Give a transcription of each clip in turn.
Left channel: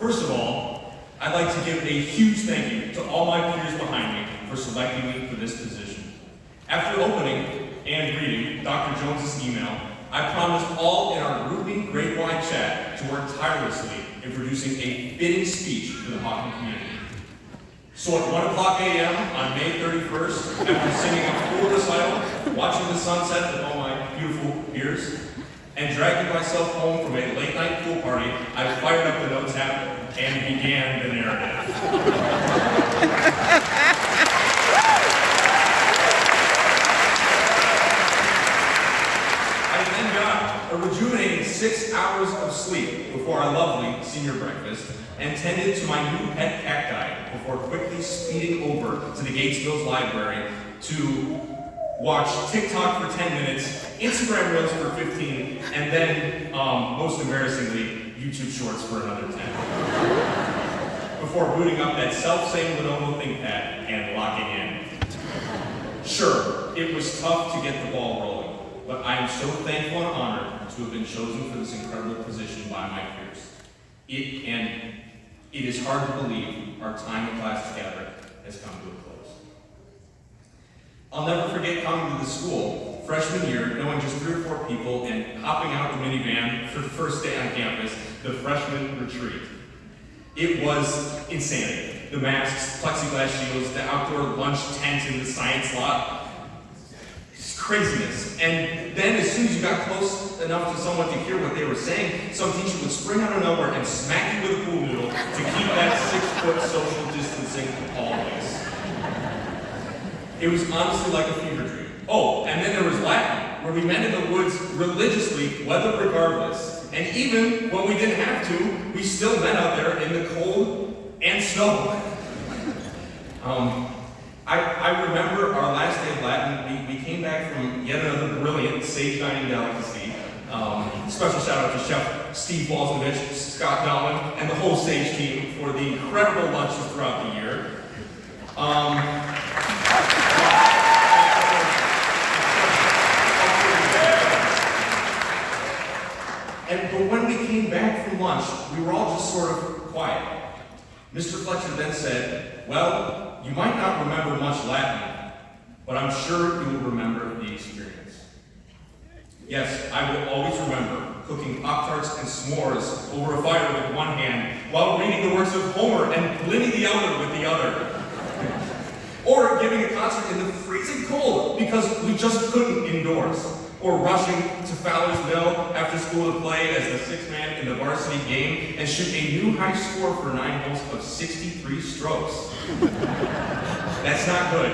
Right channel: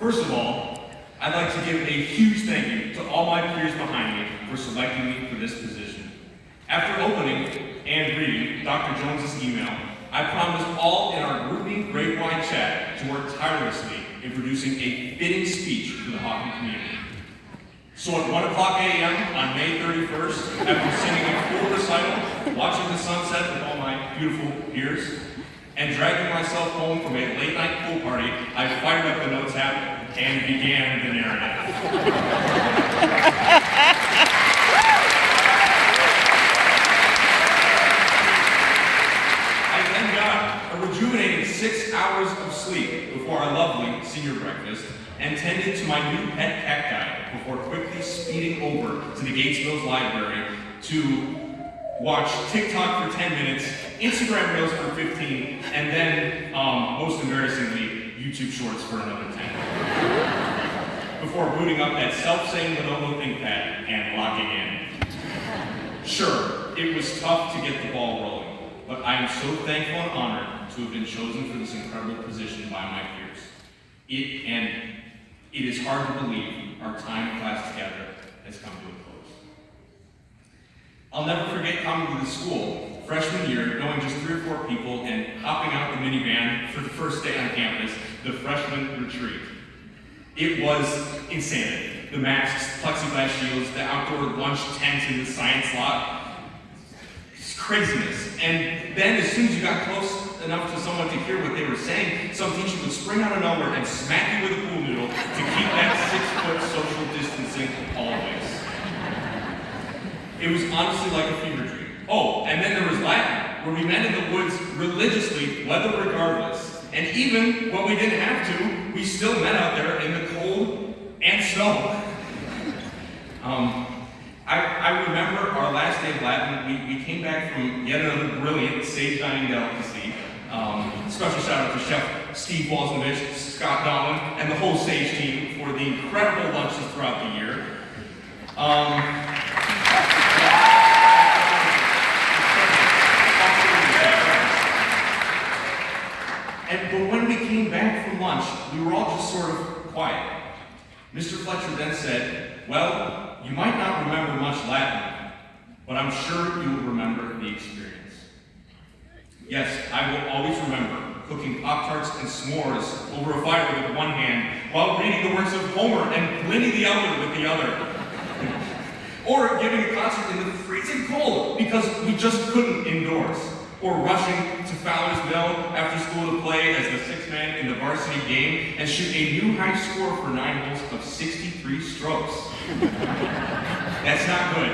First of all, I'd like to give a huge thank you to all my peers behind me for selecting me for this position. After opening and reading Dr. Jones's email, I promised all in our grouping grade-wide chat to work tirelessly in producing a fitting speech for the Hawken community. So at 1 o'clock a.m. on May 31st, after singing a full recital, watching the sunset with all my beautiful peers, and dragging myself home from a late-night pool party, I fired up the notes app and began the narrative. I then got a rejuvenating 6 hours of sleep before our lovely senior breakfast, and tended to my new pet cacti before quickly speeding over to the Gatesville's library to watch TikTok for 10 minutes, Instagram Reels for 15, and then, most embarrassingly, YouTube Shorts for another 10. Before booting up that self-same Lenovo ThinkPad and locking in. Sure, it was tough to get the ball rolling, but I am so thankful and honored to have been chosen for this incredible position by my peers. It is hard to believe our time in class together has come to a close. I'll never forget coming to the school freshman year, knowing just 3 or 4 people, and hopping out the minivan for the first day on campus, the freshman retreat. It was insanity. The masks, plexiglass shields, the outdoor lunch tent in the science lot. It's craziness. And then as soon as you got close enough to someone to hear what they were saying, some teacher would spring out of nowhere and smack you with a pool noodle to keep that 6-foot social distancing always. It was honestly like a fever dream. Oh, and then there was Latin, where we met in the woods religiously, weather regardless. And even when we didn't have to, we still met out there in the cold and snow. I remember our last day of Latin, we came back from yet another brilliant sage dining delicacy. Special shout out to Chef Steve Walsnovich, Scott Dolan, and the whole Sage team for the incredible lunches throughout the year. But when we came back from lunch, we were all just sort of quiet. Mr. Fletcher then said, "Well, you might not remember much Latin, but I'm sure you will remember the experience." Yes, I will always remember cooking Pop-Tarts and s'mores over a fire with one hand, while reading the works of Homer and Pliny the Elder with the other. Or giving a concert in the freezing cold because we just couldn't indoors. Or rushing to Fowler's Mill after school to play as the 6th man in the varsity game and shoot a new high score for 9 holes of 63 strokes. That's not good.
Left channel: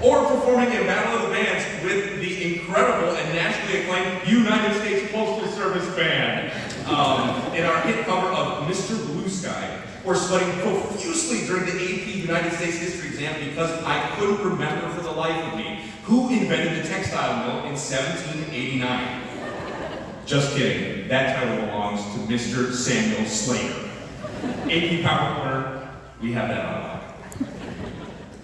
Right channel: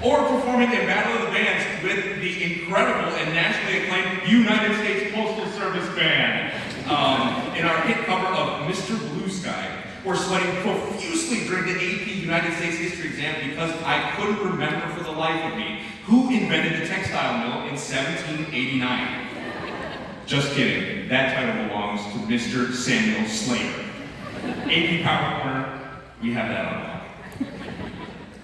Or performing in Battle of the Bands with the incredible and nationally acclaimed United States Postal Service Band in our hit cover of Mr. Blue Sky. Or sweating profusely during the AP United States History exam because I couldn't remember for the life of me who invented the textile mill in 1789. Just kidding, that title belongs to Mr. Samuel Slater. AP Power Corner, we have that on lock.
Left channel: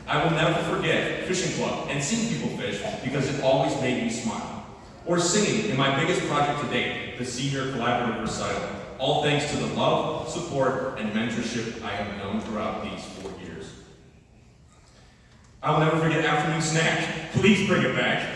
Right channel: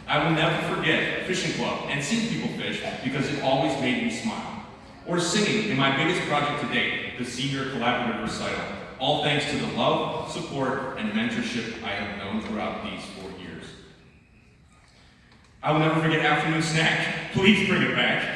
I will never forget fishing club and seeing people fish because it always made me smile. Or singing in my biggest project to date, the senior collaborative recital. All thanks to the love, support, and mentorship I have known throughout these 4 years. I will never forget afternoon snack, please bring it back.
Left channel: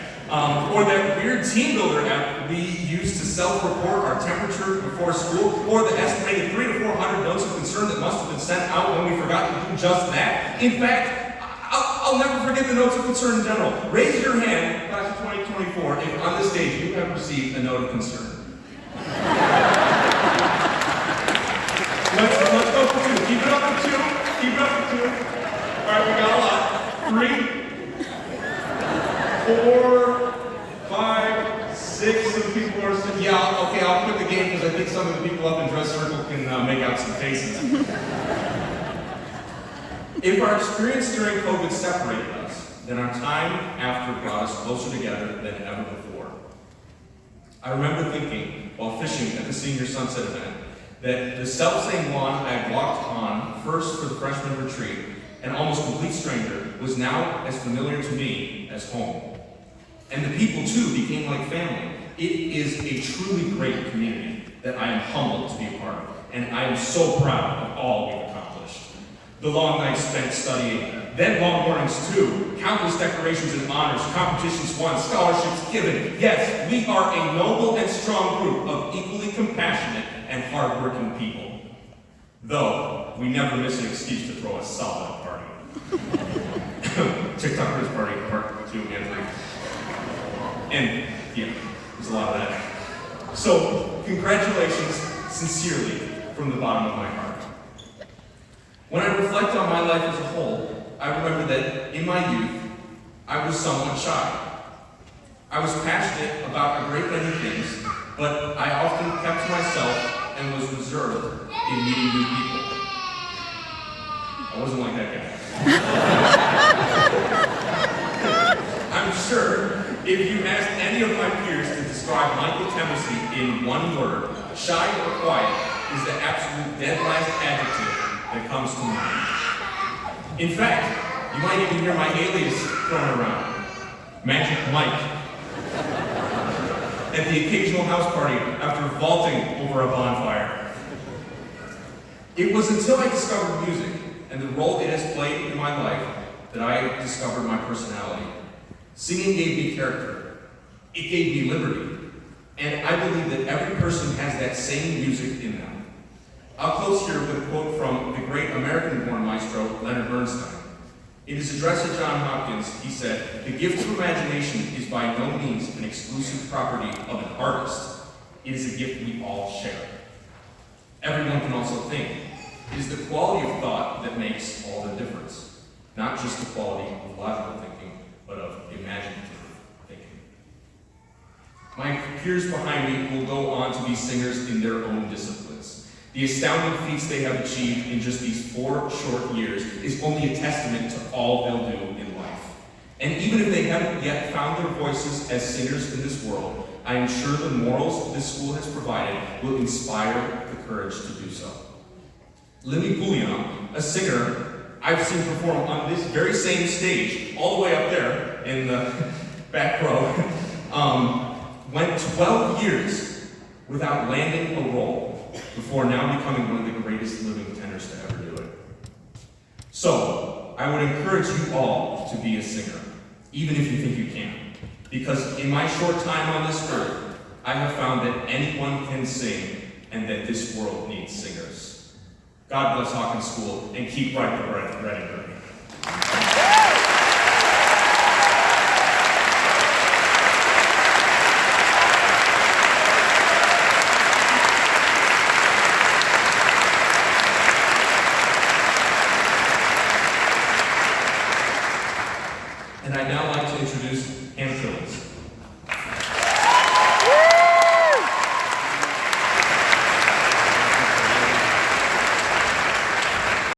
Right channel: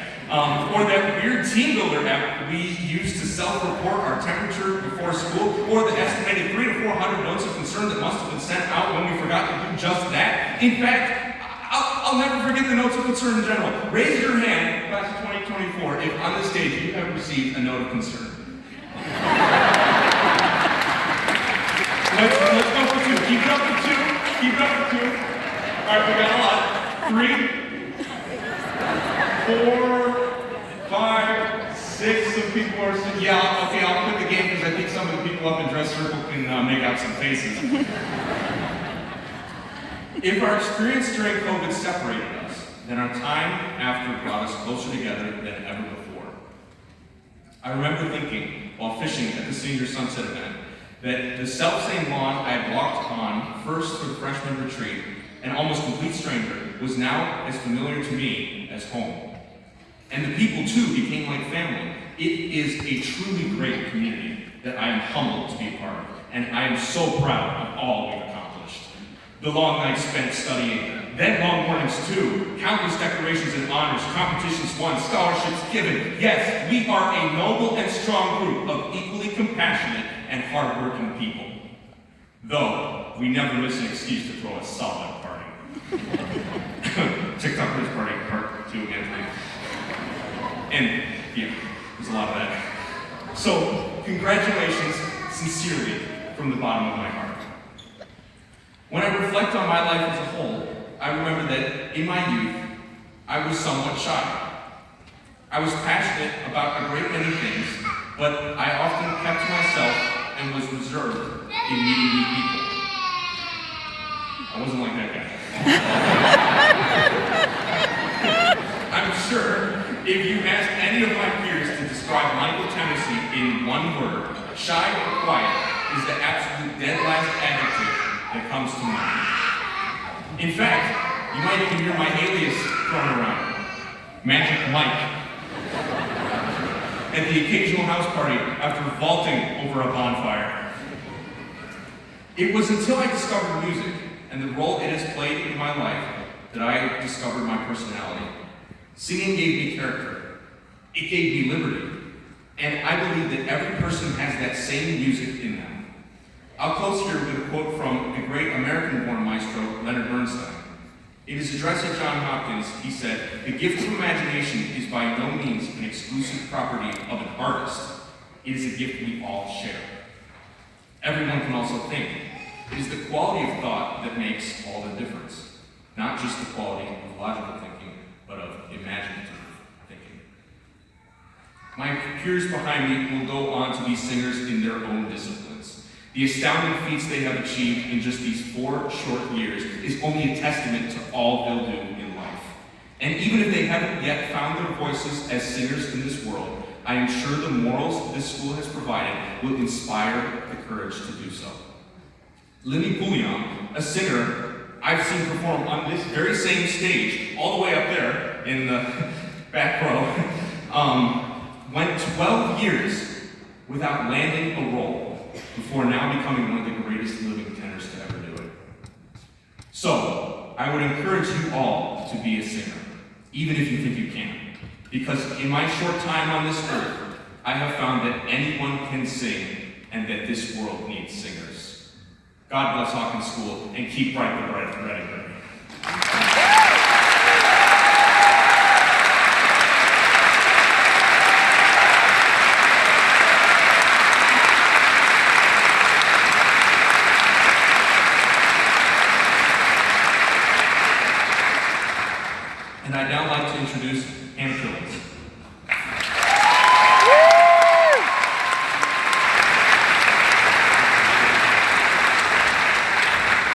Or that weird team builder app we used to self-report our temperature before school, or the estimated 300 to 400 notes of concern that must have been sent out when we forgot to do just that. In fact, I'll never forget the notes of concern in general. Raise your hand, class of 2024, if on the stage you have received a note of concern. Let's go for 2. Keep it up for 2. Keep it up for 2. All right, we got a lot. 3, 4, 5, 6. Some people are saying, yeah, okay, I'll quit the game because I think some of the people up in dress circle can make out some faces. If our experience during COVID separated us, then our time after brought us closer together than ever before. I remember thinking, while fishing at the senior sunset event, that the self-same lawn I had walked on first for the freshman retreat, an almost complete stranger, was now as familiar to me as home. And the people, too, became like family. It is a truly great community that I am humbled to be a part of, and I am so proud of all we've accomplished. The long nights spent studying, then long mornings too, countless decorations and honors, competitions won, scholarships given. Yes, we are a noble and strong group of equally compassionate and hardworking people. Though, we never miss an excuse to throw a solid party. TikTok Quiz Party, part 2 and 3. And, yeah, there's a lot of that. So, congratulations, sincerely, from the bottom of my heart. When I reflect on my life as a whole, I remember that in my youth, I was somewhat shy. I was passionate about a great many things, but I often kept to myself and was reserved in meeting new people. I wasn't like that guy. I'm sure if you asked any of my peers to describe Michael Temesi in one word, shy or quiet is the absolute dead last adjective that comes to mind. In fact, you might even hear my alias thrown around, Magic Mike, at the occasional house party after vaulting over a bonfire. It was until I discovered music and the role it has played in my life that I discovered my personality. Singing gave me character. It gave me liberty. And I believe that every person has that same music in them. I'll close here with a quote from the great American-born maestro, Leonard Bernstein. In his address at Johns Hopkins, he said, "The gift of imagination is by no means an exclusive property of an artist. It is a gift we all share." Everyone can also think. It is the quality of thought that makes all the difference. Not just the quality of logical thinking, but of imaginative thinking. My peers behind me will go on to be singers in their own disciplines. The astounding feats they have achieved in just these 4 short years is only a testament to all they'll do in life. And even if they haven't yet found their voices as singers in this world, I am sure the morals this school has provided will inspire the courage to do so. Lily Poulion, a singer I've seen perform on this very same stage, all the way up there in the back row, went 12 years without landing a role before now becoming one of the greatest living tenors to ever do it. So, I would encourage you all to be a singer, even if you think you can't. Because in my short time on this earth, I have found that anyone can sing and that this world needs singers. God bless Hawken School and keep writing the ready.